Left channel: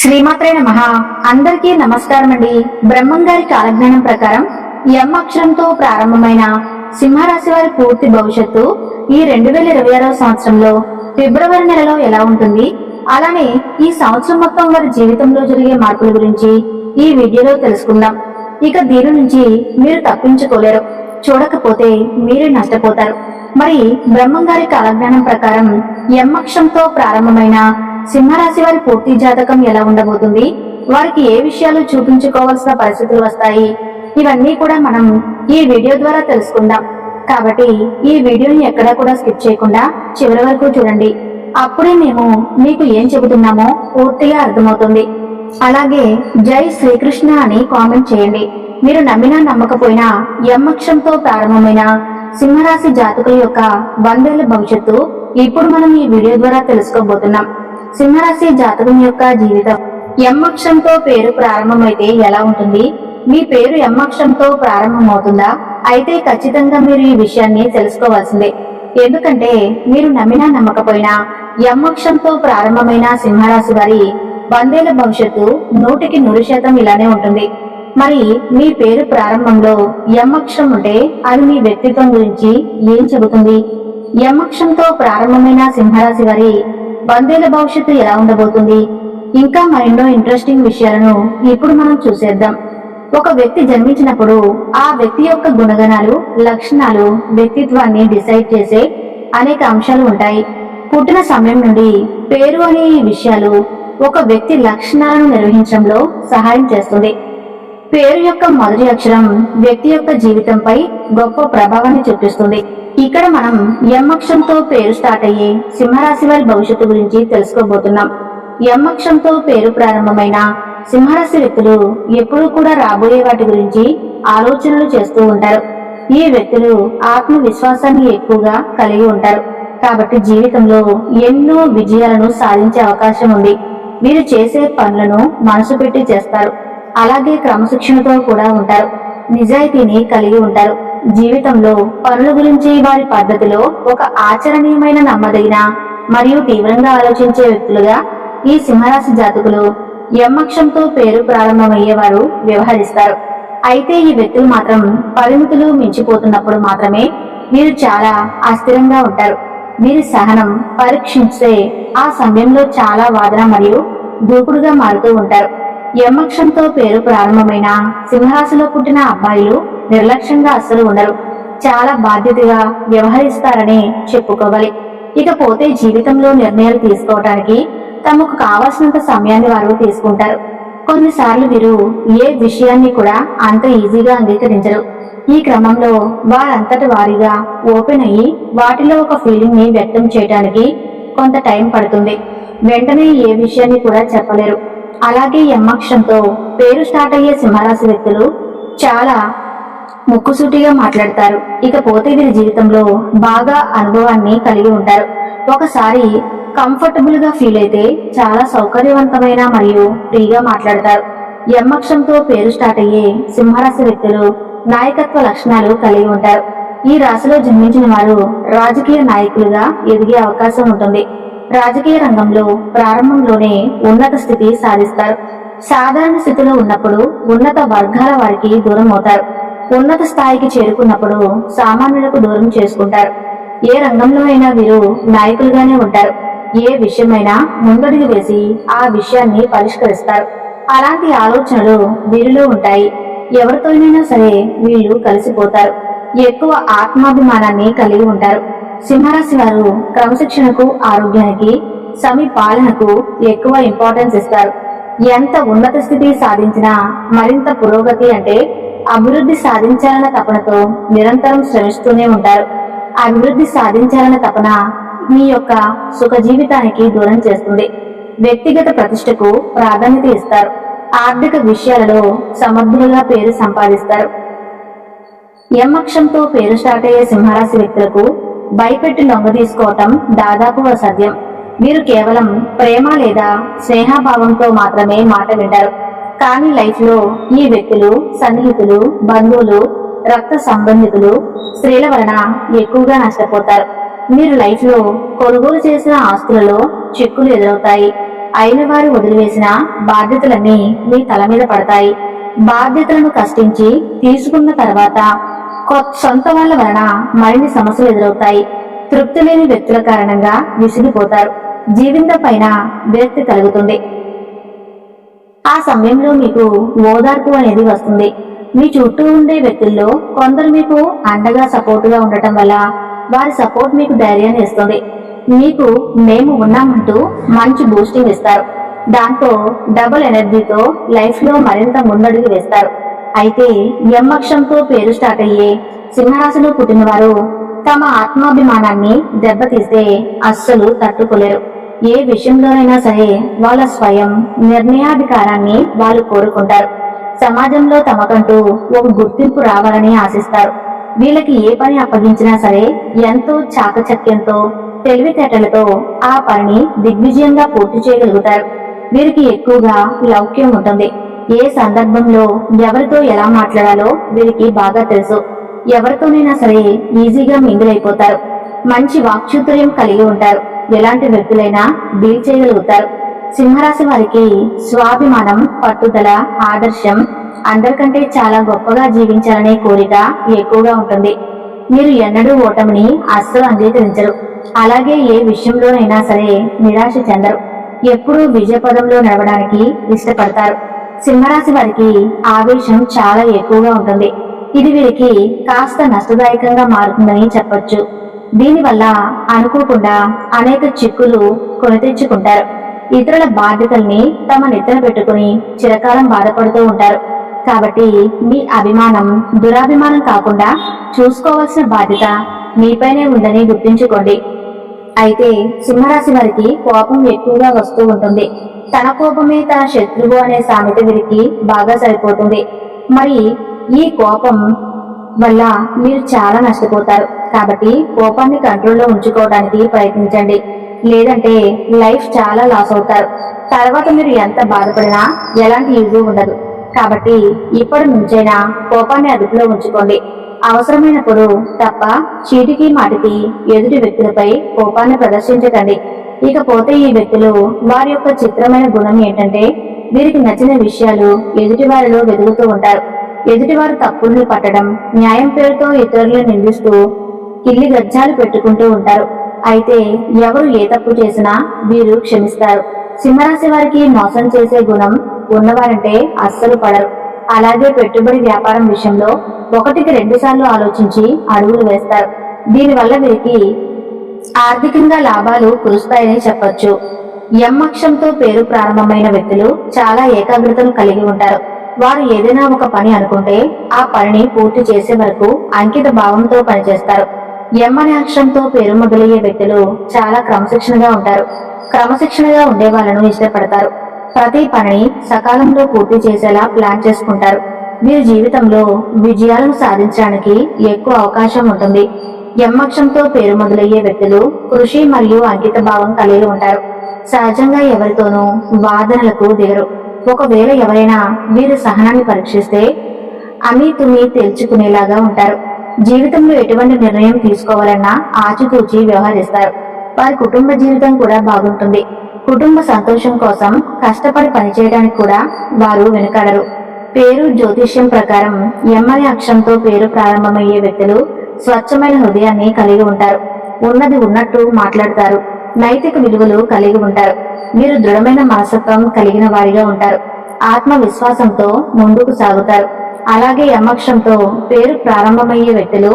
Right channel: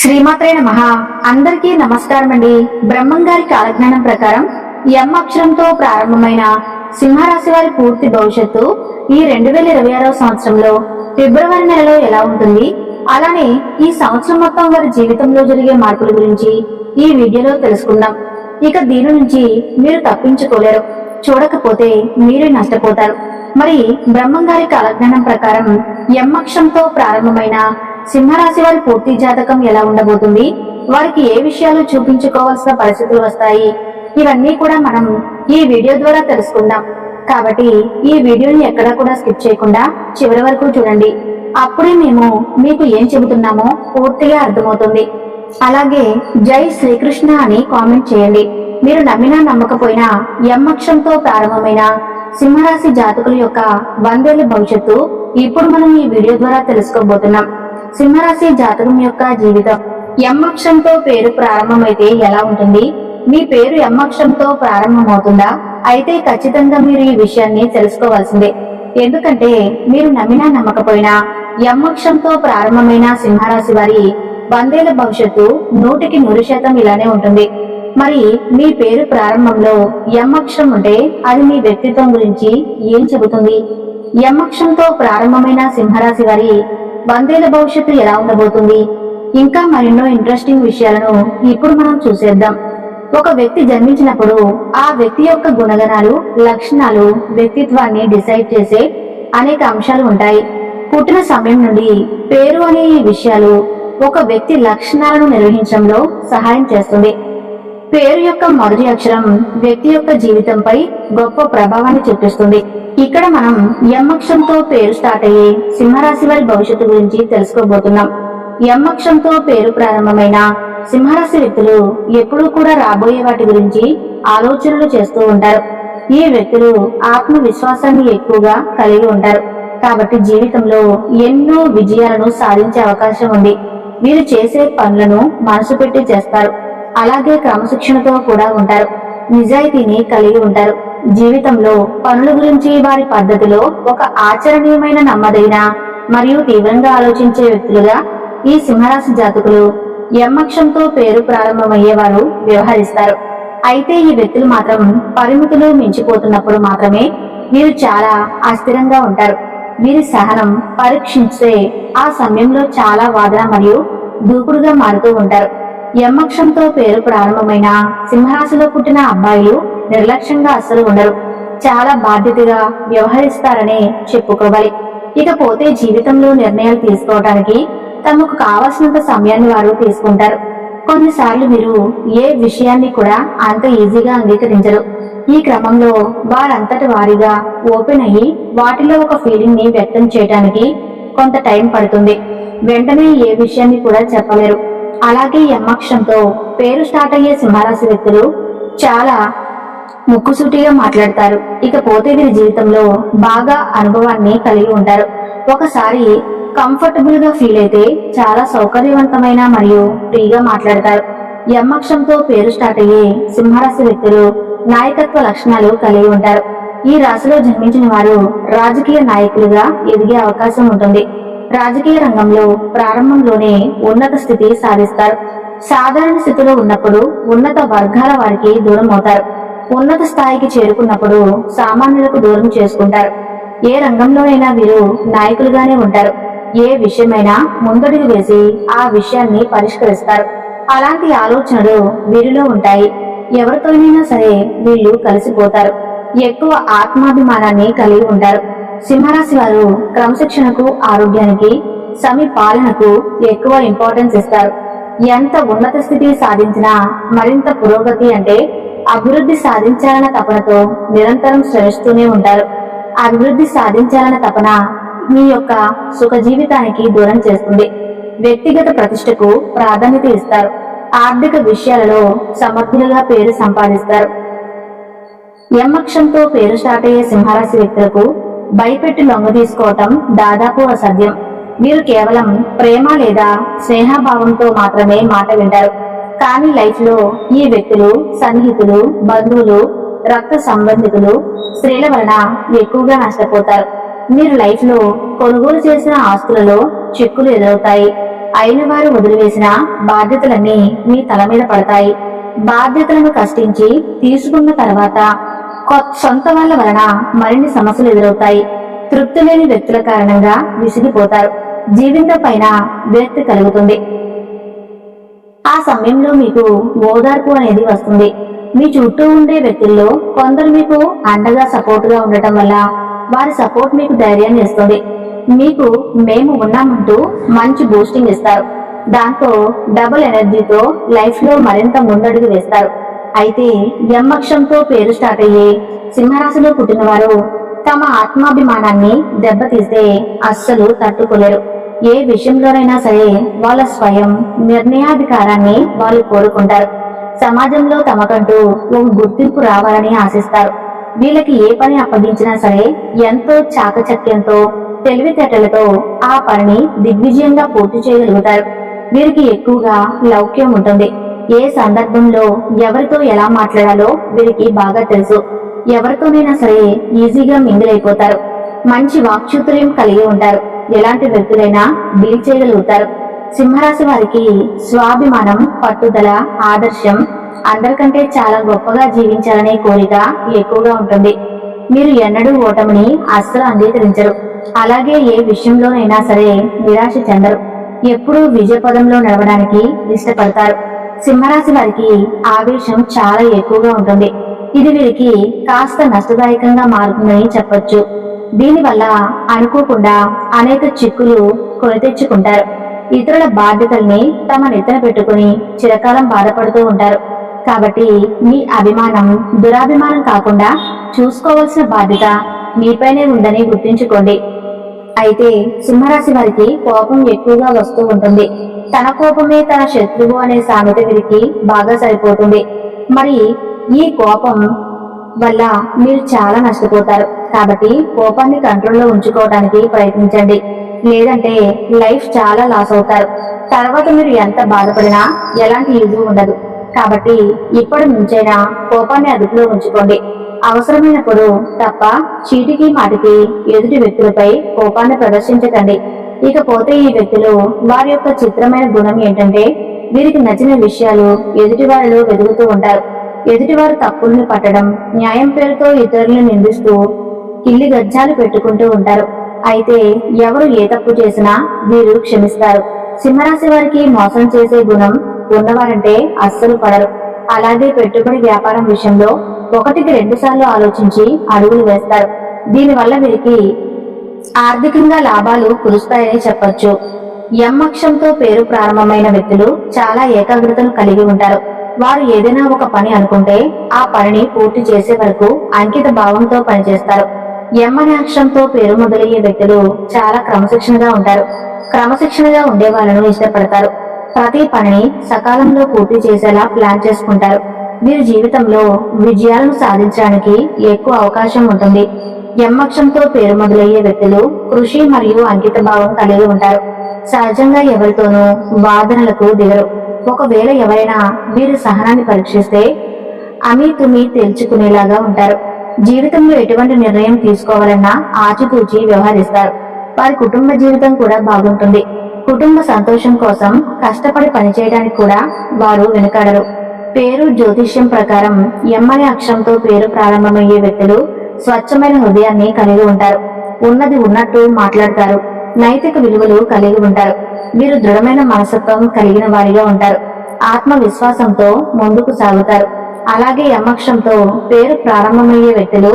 శ్రీమాత్రే నమః. అందరికీ నమస్కారం అండి. బ్రహ్మం గారి కాలజ్ఞానం ప్రకారం ఎం అక్షరంతో ప్రారంభమైన సింహరాశి వారి పూర్తి భవిష్యత్తు ఈ 2026వ సంవత్సరంలో ఫిబ్రవరి నెలలో ఎలా ఉంటుంది, అలానే ఈ సంవత్సరం మొత్తం వారి జీవితంలో జరిగే మార్పుల గురించి ఈ వీడియోలో తెలుసుకుందాం. ఇక దీని నుంచి మీరు తప్పించుకోలేరు, చూడకపోతే మీరే నష్టపోతారు. మరి బ్రహ్మం గారి కాలజ్ఞానం ప్రకారం ఎం అక్షరంతో ప్రారంభమైన సింహరాశి వారి పూర్తి జాతకం ఎలా ఉండబోతుంది, వారికి ఏ విషయాలు చూపించుకోవాల్సిన పరిస్థితులు వస్తాయి, ఇవన్నీ కూడా మనం ఈ వీడియో ద్వారా తెలుసుకుందాం. కాబట్టి ఈ వీడియోని ఎక్కడా కూడా స్కిప్ చేయకుండా చివరి వరకు చూడండి. అప్పుడే మేము మీకు ఏం చెబుతున్నామో పూర్తిగా అర్థమవుతుంది. అలాగే జై శ్రీకృష్ణ అని కామెంట్ చేయండి. మీరు నమ్మినా నమ్మకపోయినా ఎం అక్షరంతో ప్రారంభమైన సింహరాశి జాతకుల యొక్క 100 ఏళ్ల భవిష్యత్తు ఇప్పుడు మనం ఈ వీడియో ద్వారా తెలుసుకోబోతున్నాం. సింహరాశి జాతకం యొక్క జీవితం. ఎం అక్షరంతో పేరు ప్రారంభమైతే ఎలా ఉంటుంది? మీ పేరు ఎం అక్షరంతో ప్రారంభమవుతుందా? అయితే ఖచ్చితంగా మీరు ఈ విషయాన్ని తెలుసుకోవాల్సిందే. ఎందుకంటే మీరు నమ్మినా నమ్మకపోయినా ఎం అక్షరంతో ప్రారంభమైన సింహరాశి వారి 100 ఏళ్ల భవిష్యత్తు 100కి 100% ఇలానే ఉంటుంది. మరి మీ పేరు ప్రారంభంలో ఎం అక్షరం ఉంటే అది మీ వ్యక్తిత్వం గురించి ఏం చెబుతుంది? ఎం అక్షరంతో ప్రారంభమైన సింహరాశి వారి 100 ఏళ్ల భవిష్యత్తు ఎలా ఉండబోతుంది? ఇంకా మరెన్నో ఇంట్రెస్టింగ్ విషయాలను ఇప్పుడు మనం చూసేద్దాం. ఒక వ్యక్తి జన్మించినప్పుడు ఆ వ్యక్తి యొక్క గుణగణాలు, లక్షణాలు వ్యక్తిత్వాన్ని డిసైడ్ చేసే అనేక అంశాలు ఉంటాయి. పుట్టిన సమయం నుండి పేరు అనే ఈ విషయాలు ఒక వ్యక్తి లక్షణాలను నిర్వహించడంలో సహాయం చేస్తుంది. పేరు యొక్క మొదటి అక్షరం వ్యక్తి యొక్క జీవితంపై గొప్ప ప్రభావాన్ని చూపిస్తుంది. ఇక్కడ మనం ఎం అక్షరంతో పేరు స్టార్ట్ అయ్యే సింహరాశి వారి భవిష్యత్తు గురించి తెలుసుకోబోతున్నాం. ఎం అక్షరంతో పేరు ప్రారంభమైన సింహరాశి వ్యక్తులు ఎప్పుడూ కూడా రాబోయే వాటి గురించి ఆలోచనలు చేస్తూ ఉంటారు. ఈ వ్యక్తులు ఆత్మవిశ్వాసాన్ని ఎక్కువగా కలిగి ఉంటారు. కాబట్టి జీవితంలో ఎన్నో విజయాలను సాధించే అవకాశం ఉంది. వీరు చేసే పనులను మనసు పెట్టి చేస్తారు. అలాగే క్రమశిక్షణతో కూడా ఉంటారు. నిజాయితీని కలిగి ఉంటారు. జీవితంలో పనుల గురించి వారి పద్ధతిలో ఒక ఆచరణీయమైన, నమ్మదగిన మరియు తీవ్రంగా ఆలోచించే వ్యక్తులుగా ఈ సింహరాశి జాతకులు ఎం అక్షరంతో పేరు ప్రారంభమయ్యేవారు వ్యవహరిస్తారు. అయితే ఈ వ్యక్తులు మాత్రం పరిమితులు మించిపోతున్నప్పుడు మాత్రమే వీరు చాలా అస్థిరంగా ఉంటారు. వీరి సహనం పరీక్షించే ఆ సమయంలో చాలా వాదన మరియు దూకుడుగా మారుతూ ఉంటారు. ఎం అక్షరంతో పేరు ప్రారంభమైన సింహరాశిలో పుట్టిన అబ్బాయిలు నిర్లక్ష్యంగా అస్సలు ఉండరు. చాలా బాధ్యతగా వ్యవహరిస్తారనే చెప్పుకోవాలి. ఇకపోతే జీవితంలో నిర్ణయాలు తీసుకోవడానికి తమకు కావాల్సినంత సమయాన్ని వారు తీసుకుంటారు. కొన్నిసార్లు వీరు ఏ విషయాన్ని కూడా అంత ఈజీగా అంగీకరించరు. ఈ క్రమంలో వారంతటి వారిగా ఓపెన్ అయ్యి వాటిలో ఒక ఫీలింగ్ ని వ్యక్తం చేయడానికి కొంత టైం పడుతుంది. వెంటనే ఏ విషయాన్ని కూడా చెప్పలేరు. అలాగే ఎం అక్షరంతో పేరు స్టార్ట్ అయ్యే సింహరాశి వ్యక్తులు చాలా ముక్కుసూటిగా మాట్లాడతారు. ఇకపోతే వీరి జీవితంలో బాగా అనుభవాన్ని కలిగి ఉంటారు. ఒకసారి కంఫర్టబుల్ గా ఫీల్ అయితే చాలా సౌకర్యవంతమైన మరియు ఫ్రీగా మాట్లాడతారు. ఎం అక్షరంతో పేరు స్టార్ట్ అయ్యే సింహరాశి వ్యక్తులు నాయకత్వ లక్షణాలు కలిగి ఉంటారు. ఈ రాశిలో జన్మించిన వారు రాజకీయ నాయకులుగా ఎదిగే అవకాశం ఉంటుంది. రాజకీయ రంగంలో ప్రారంభంలోనే ఉన్నత స్థితి సాధిస్తారు. సాధారణ స్థితిలో ఉన్నప్పుడు ఉన్నత వర్గాల వారికి దూరం అవుతారు. ఉన్నత స్థాయికి చేరుకున్నప్పుడు సామాన్యులకు దూరం చేసుకుంటారు. ఏ రంగంలో అయినా వీరు నాయకులుగానే ఉంటారు. ఏ విషయమైనా ముందడుగు వేసి ఆ విషయాన్ని పరిష్కరిస్తారు. అలాంటి ఆలోచనలు వీరిలో ఉంటాయి. ఎవరితోనైనా సరే వీళ్ళు కలిసిపోతారు. ఎక్కువ ఆత్మాభిమానాన్ని కలిగి ఉంటారు. సింహరాశి వారు క్రమశిక్షణకు, ఆరోగ్యానికి, సమీపాలనకు ఎక్కువ ఇంపార్టెన్స్ ఇస్తారు. ఎంత ఉన్నత స్థితి సాధించినా మరింత పురోగతి అంటే అభివృద్ధి సాధించాలన్న తపనతో నిరంతరం శ్రమిస్తూనే ఉంటారు. అభివృద్ధి సాధించాలన్న తపన మీ యొక్క సుఖ జీవితానికి దూరం చేస్తుంది. వ్యక్తిగత ప్రతిష్టకు ప్రాధాన్యత ఇస్తారు. ఆర్థిక విషయాలలో సమర్థులుగా పేరు సంపాదిస్తారు. ఎం అక్షరంతో పేరు స్టార్ట్ అయ్యే సింహరాశి వ్యక్తులకు భయపెట్టి లొంగ తీసుకోవటం దాదాపు అసాధ్యం. వీరు కేవలం ప్రేమ లేదా స్నేహభావంతో మాత్రమే మాట వింటారు. కానీ లైఫ్ లో ఈ వ్యక్తులు సన్నిహితులు, బంధువులు, రక్త సంబంధికులు, స్త్రీల వలన ఎక్కువగా నష్టపోతారు. మీరు లైఫ్ లో కొనుగోలు చేసిన ఆస్తులలో చిక్కులు ఎదురవుతాయి. అయిన వారు వదిలివేసిన బాధ్యతలన్నీ మీ తల మీద పడతాయి. బాధ్యతలను కష్టించి తీసుకున్న తర్వాత సొంత వాళ్ళ వలన మరిన్ని సమస్యలు ఎదురవుతాయి. తృప్తి లేని వ్యక్తుల కారణంగా విసిగిపోతారు. జీవితం పైన విరక్తి కలుగుతుంది. ఆ సమయంలో మీకు ఓదార్పు అనేది వస్తుంది. మీ చుట్టూ ఉండే వ్యక్తుల్లో కొందరు మీకు అండగా సపోర్టుగా ఉండటం వల్ల వారి సపోర్ట్ మీకు ధైర్యాన్ని ఇస్తుంది. మీకు మేము ఉన్నామంటూ మంచి బూస్టింగ్ ఇస్తారు. దాంతో డబుల్ ఎనర్జీతో లైఫ్ లో మరింత ముందడుగు వేస్తారు. అయితే యమ్మక్షంతో పేరు స్టార్ట్ అయ్యే సింహరాశిలో పుట్టిన వారు తమ ఆత్మాభిమానాన్ని దెబ్బతీస్తే అస్సలు తట్టుకోలేరు. ఏ విషయంలోనైనా సరే వాళ్ళ స్వయం నిర్ణయాధికారాన్ని వాళ్ళు కోరుకుంటారు. సమాజంలో తమకంటూ ఒక గుర్తింపు రావాలని ఆశిస్తారు. వీళ్ళకి ఏ పని అప్పగించినా సరే ఎంతో చాకచక్యంతో తెలివితేటలతో ఆ పనిని దిగ్విజయంగా పూర్తి చేయగలుగుతారు. వీరికి ఎక్కువగా లౌక్యం ఉంటుంది. ఏ సందర్భంలో ఎవరితో ఎలా మాట్లాడాలో వీరికి బాగా తెలుసు. ఎవరితోనైనా సరే ఈజీగా మింగిల్ అయిపోతారు. మంచి వాక్చాతుర్యం కలిగి ఉంటారు. ఎలాంటి వ్యక్తులైనా డీల్ చేయగలుగుతారు. సింహరాశి వారికి స్వాభిమానం, పట్టుదల, ఆదర్శం, అందరికంటే చాలా గొప్పగా జీవించాలనే కోరిక ఎక్కువగా ఉంటుంది. మీరు ఎన్నడూ ఓటమిని అస్సలు అంగీకరించరు. అలాగే ఏ విషయంలోనైనా సరే నిరాశ చెందరు. ఎప్పుడూ విజయపదంలో నడవడానికి ఇష్టపడతారు. సింహరాశి వారికి ఆవేశం చాలా ఎక్కువగా ఉంటుంది. ఇది వీరికి కాస్త నష్టదాయకంగా మారుతుందని చెప్పొచ్చు. దీనివల్ల అనుకోకుండా అనేక చిక్కులు కొని తెచ్చుకుంటారు. ఇతరుల బాధ్యతల్ని తమ నెత్తిన పెట్టుకుని చిరకాలం బాధపడుతూ ఉంటారు. కాబట్టి మీ అభిమానం దురాభిమానం కాకుండా చూసుకోవాల్సిన బాధ్యత మీపైనే ఉందని గుర్తుంచుకోండి. అయితే సింహరాశి వారికి కోపం ఎక్కువగా వస్తూ ఉంటుంది. తన కోపమే తన శత్రువు అనే సామెత వీరికి బాగా సరిపోతుంది. మరి ఈ కోపం వల్ల మీరు చాలా నష్టపోతారు. కాబట్టి కోపాన్ని కంట్రోల్లో ఉంచుకోవడానికి ప్రయత్నించండి. లేదంటే లైఫ్ చాలా లాస్ అవుతారు. తర్వాత మీరు ఎంత బాధపడినా ఎలాంటి యూజ్ ఉండదు. కాబట్టి ఇప్పటి నుంచైనా కోపాన్ని అదుపులో ఉంచుకోండి. అవసరమైనప్పుడు తప్ప చీటికి మాటికి ఎదుటి వ్యక్తులపై కోపాన్ని ప్రదర్శించకండి. ఇకపోతే ఈ వ్యక్తులు వారి యొక్క చిత్రమైన గుణం ఏంటంటే వీరికి నచ్చిన విషయాలు ఎదుటి వారిలో వెతుకుతూ ఉంటారు. ఎదుటివారు తప్పుల్ని పట్టడం, న్యాయం పేరుతో ఇతరులను నిందిస్తూ కిల్లి గజ్జాలు పెట్టుకుంటూ ఉంటారు. అయితే ఎవరు ఏ తప్పు చేసినా వీరు క్షమిస్తారు. సింహరాశి వారికి మోసం చేసే గుణం ఉన్నవారంటే అస్సలు పడరు. అలాగే పెట్టుబడి వ్యాపారం విషయంలో 1-2 సార్లు ఆలోచించి అడుగులు వేస్తారు. దీనివల్ల వీరికి ఆర్థికంగా లాభాలు కురుస్తాయని చెప్పొచ్చు. యమ్మక్షంతో పేరు ప్రారంభమైన వ్యక్తులు చాలా ఏకాగ్రతను కలిగి ఉంటారు. వారు ఏదైనా ఒక పని అనుకుంటే ఆ పనిని పూర్తి చేసే వరకు అంకిత భావంతో పనిచేస్తారు. అనే అక్షరంతో పేరు మొదలయ్యే వ్యక్తులు చాలా క్రమశిక్షణగా ఉంటారు. క్రమశిక్షణగా ఉండే వాళ్ళను ఇష్టపడతారు. ప్రతి పనిని సకాలంలో పూర్తి చేసేలా ప్లాన్ చేసుకుంటారు. వీరి జీవితంలో విజయాలను సాధించడానికి ఎక్కువ అవకాశం ఉంటుంది. అక్షరంతో పేరు మొదలయ్యే వ్యక్తులు కృషి మరియు అంకిత భావం కలిగి ఉంటారు. సహజంగా ఎవరితోనూ వాదనలకు దిగరు. ఒకవేళ ఎవరైనా వీరి సహనాన్ని పరీక్షిస్తే తుమి తేల్చుకునేలాగా ఉంటారు. జీవితంలో ఎటువంటి నిర్ణయం తీసుకోవాలన్నా ఆచితూచి వ్యవహరిస్తారు. వారి కుటుంబ జీవితం కూడా బాగుంటుంది. కుటుంబ సంతోషం కోసం కష్టపడి పనిచేయడానికి కూడా వారు వెనుకాడరు. పేరు జ్యోతిష్యం ప్రకారం అనే అక్షరంతో పేరు ప్రారంభమయ్యే వ్యక్తులు స్వచ్ఛమైన హృదయాన్ని కలిగి ఉంటారు. ఉన్నది ఉన్నట్టు మాట్లాడతారు. నైతిక విలువలు కలిగి ఉంటారు. వీరు దృఢమైన మనస్తత్వం కలిగిన వారిగా ఉంటారు. ఆత్మవిశ్వాసంతో ముందుకు సాగుతారు. అలాగే అక్షరంతో పేరు ప్రారంభమయ్యే వ్యక్తులు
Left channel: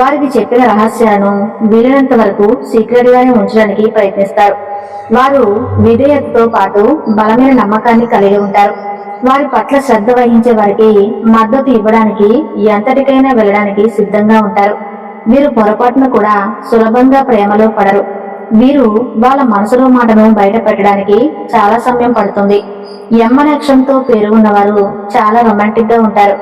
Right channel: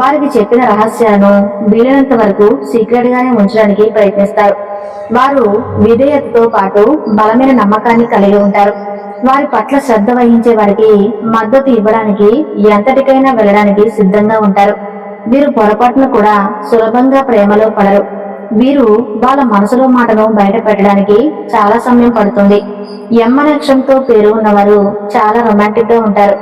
వారికి చెప్పిన రహస్యాలను వీలైనంత వరకు సీక్రెట్ గానే ఉంచడానికి ప్రయత్నిస్తారు. వారు విధేయతతో పాటు బలమైన నమ్మకాన్ని కలిగి ఉంటారు. వారి పట్ల శ్రద్ధ వహించే వారికి మద్దతు ఇవ్వడానికి ఎంతటికైనా వెళ్ళడానికి సిద్ధంగా ఉంటారు. వీరు పొరపాటును కూడా సులభంగా ప్రేమలో పడరు. వీరు వాళ్ళ మనసులో మాటను బయట పెట్టడానికి చాలా సమయం పడుతుంది. అనే అక్షరంతో పేరు ఉన్నవారు చాలా రొమాంటిక్ గా ఉంటారు.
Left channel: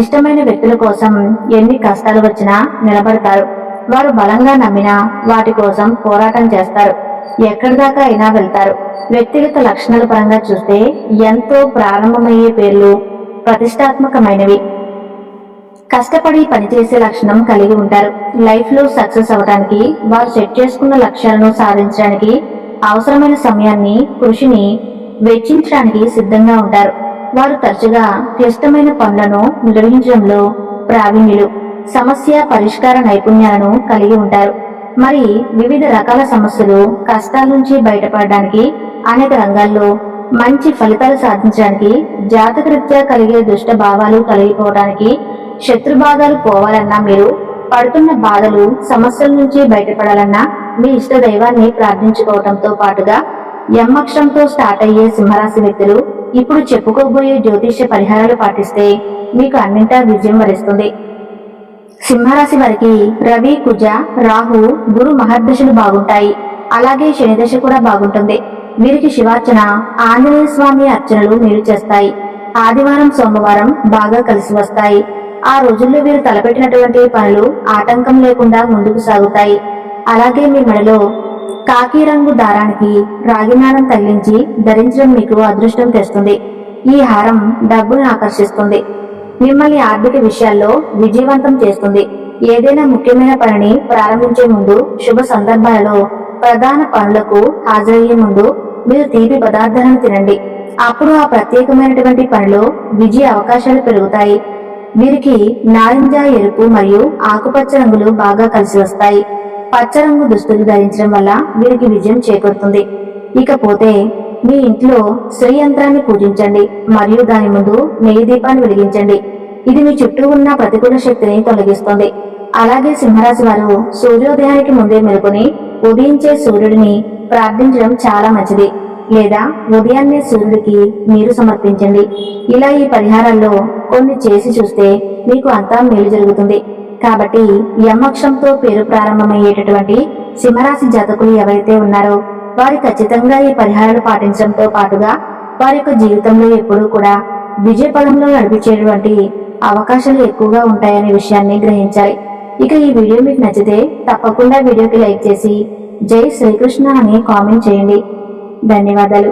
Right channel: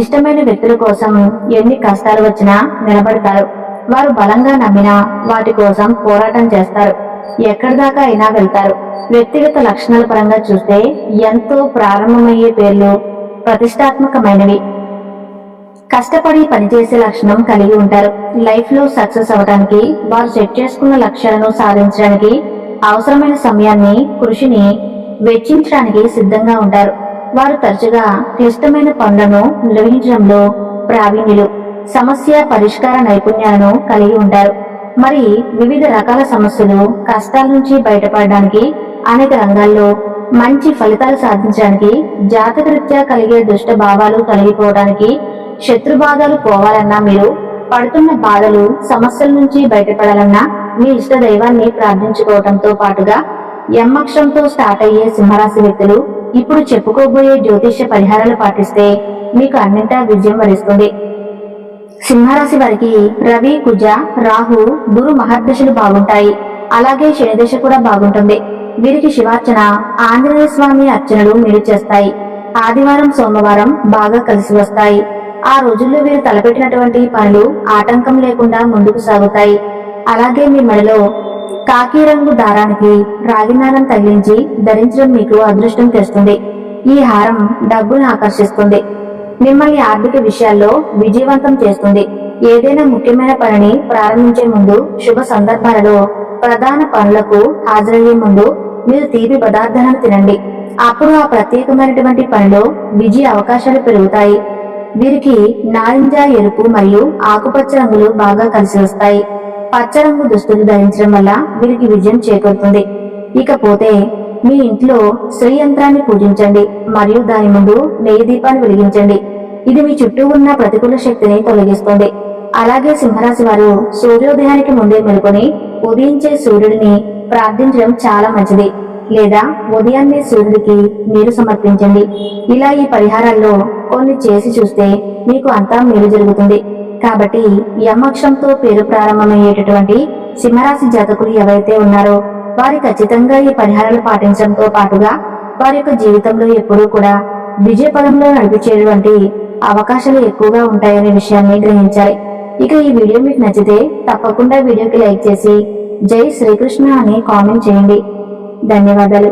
ఇష్టమైన వ్యక్తుల కోసం ఎన్ని కష్టాలు వచ్చినా నిలబడతారు. వారు బలంగా నమ్మినా వాటి కోసం పోరాటం చేస్తారు. ఎక్కడి దాకా అయినా వెళ్తారు. వ్యక్తిగత లక్షణాల పరంగా చూస్తే ఎంతో ప్రారంభమయ్యే పేర్లు ప్రతిష్టాత్మకమైనవి. కష్టపడి పనిచేసే లక్షణం కలిగి ఉంటారు. లైఫ్ లో సక్సెస్ అవడానికి వారు సెట్ చేసుకున్న లక్ష్యాలను సాధించడానికి అవసరమైన సమయాన్ని, కృషిని వెచ్చించడానికి సిద్ధంగా ఉంటారు. వారు తరచుగా క్లిష్టమైన పనులను నిర్వహించడంలో ప్రావీణ్యులు, సమస్య పరిష్కార నైపుణ్యాలను కలిగి ఉంటారు. మరి వివిధ రకాల సమస్యలు, కష్టాల నుంచి బయటపడడానికి, అనేక రంగాల్లో మంచి ఫలితాలు సాధించడానికి, జాతకరీత్యా కలిగే దుష్ట భావాలు తొలగిపోవడానికి, శత్రుబాధలు పోవాలన్నా, మీరు పడుతున్న బాధలు సమస్యల నుంచి బయటపడాలన్నా మీ ఇష్ట దైవాన్ని ప్రార్థించుకోవటంతో పాటుగా ఎం అక్షరంతో స్టార్ట్ అయ్యే సింహరాశి వ్యక్తులు ఇప్పుడు చెప్పుకోబోయే జ్యోతిష్య పరిహారాలు పాటిస్తే మీకు అన్నింటా విజయం వరిస్తుంది. సింహరాశి వారికి రవి, కుజ, రాహు, గురు మహర్దశలు బాగుంటాయి. అలాగే శని దశ కూడా బాగుంటుంది. వీరికి శివార్చన, ఆంజనేయ స్వామి అర్చనలు మేలు చేస్తాయి. ఆదివారం, సోమవారం బాగా కలిసి వస్తాయి. ఆ రోజుల్లో వీరు తలపెట్టినటువంటి పనులు ఆటంకం లేకుండా ముందుకు సాగుతాయి. అలాగే మీ మెడలో కాకి రంగు దారానికి రాగి నాణం తగిలించి ధరించడం మీకు అదృష్టం తెస్తుంది. ఈ హారం డబ్బును ఆకర్షిస్తుంది. మిమ్మల్ని ఆర్థిక విషయాల్లో విజయవంతం చేస్తుంది. ఏదైనా ముఖ్యమైన పనిని ప్రారంభించే ముందు, శుభ సందర్భాలలో ప్రధాన పనులకు హాజరయ్యే ముందు మీరు తీపి పదార్థాలను తినండి. అప్పుడు ఆ ప్రత్యేకమైనటువంటి పనిలో విజయ అవకాశాలు పెరుగుతాయి. వీరికి నారింజ, ఎరుపు మరియు ఆకుపచ్చ రంగులు బాగా కలిసి వస్తాయి. పచ్చ రంగు దుస్తులు ధరించడం వల్ల వీరికి విజయం చేకూరుతుంది. ఇకపోతే మీ ఇంట్లో శ్రీ యంత్రాన్ని పూజించండి మరియు దాని ముందు నెయ్యి దీపాన్ని వెలిగించండి. ఇది మీ చుట్టూ ఉన్న ప్రతికూల శక్తిని తొలగిస్తుంది. అలాగే సింహరాశి వారు సూర్యోదయానికి ముందే మెలుకొని ఉదయించే సూర్యుడిని ప్రార్థించడం చాలా మంచిది. లేదా ఉదయాన్నే సూర్యుడికి నీరు సమర్పించండి. ఇలా ఈ పరిహారాల్లో కొన్ని చేసి చూస్తే మీకు అంతా మేలు జరుగుతుంది. కాబట్టి ఎం అక్షరంతో పేరు ప్రారంభమయ్యేటటువంటి సింహరాశి జాతకులు ఎవరైతే ఉన్నారో వారు ఖచ్చితంగా ఈ పరిహారాలు పాటించడంతో పాటుగా వారి యొక్క జీవితంలో ఎప్పుడూ కూడా విజయ పదంలో నడిపించేటువంటి అవకాశాలు ఎక్కువగా ఉంటాయనే విషయాన్ని గ్రహించాలి. ఇక ఈ వీడియో మీకు నచ్చితే తప్పకుండా వీడియోకి లైక్ చేసి జై శ్రీకృష్ణ అని కామెంట్ చేయండి. ధన్యవాదాలు.